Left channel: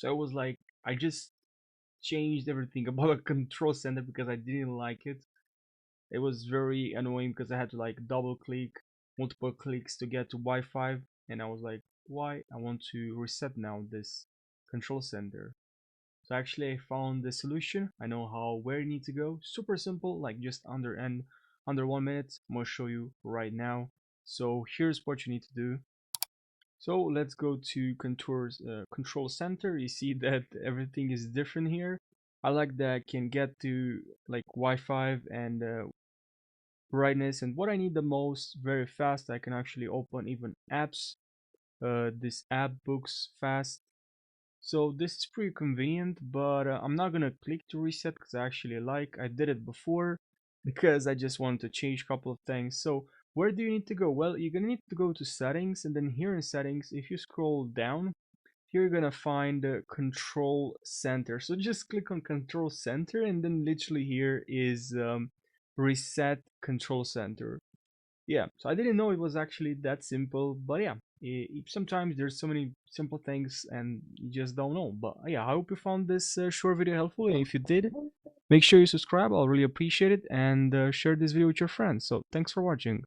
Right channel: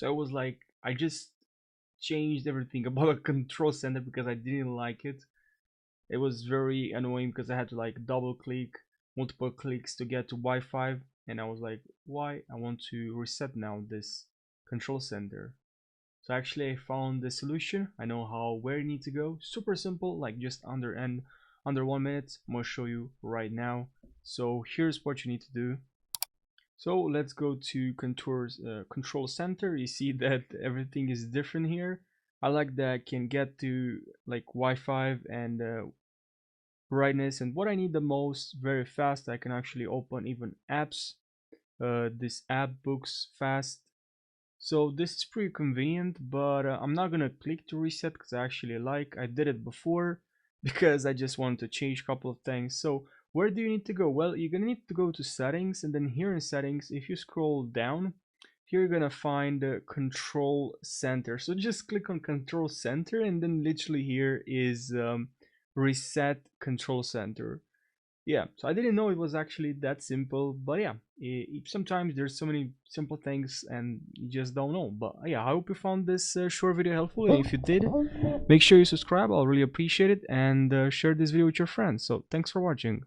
So I was like, I just changed everything about a control center because I didn't like it. It was very annoying because I had to like double click, multiple clicks to get to Wi-Fi, and I was like, why? I want to reset now this control center. So actually I found the solution. I know where you need to go. Super simple, like just under 1 minute. I'm gonna show you right now. So here's what you need to do. So let's go to control center. You see that everything is different here. I like that I can get to like Wi-Fi and brightness, and what I need the most very fast. I can actually open even apps. This app books fast. So this is pretty convenient, but I'm not gonna click to reset because I did it before because I just wanted to change a couple of things. So where do you need to go? Well, you're gonna need to go to settings, and then here in settings, if you scroll down, here you're gonna find the control center. So just click on control center, and then literally here is reset control center. Yeah, so I didn't know it was actually that simple, but yeah, sometimes there's so many simple things and you just don't know. But yeah, I hope you found this short video helpful. And if you did, make sure you subscribe. I'll really appreciate it, and share this video with your friends. So thanks for watching.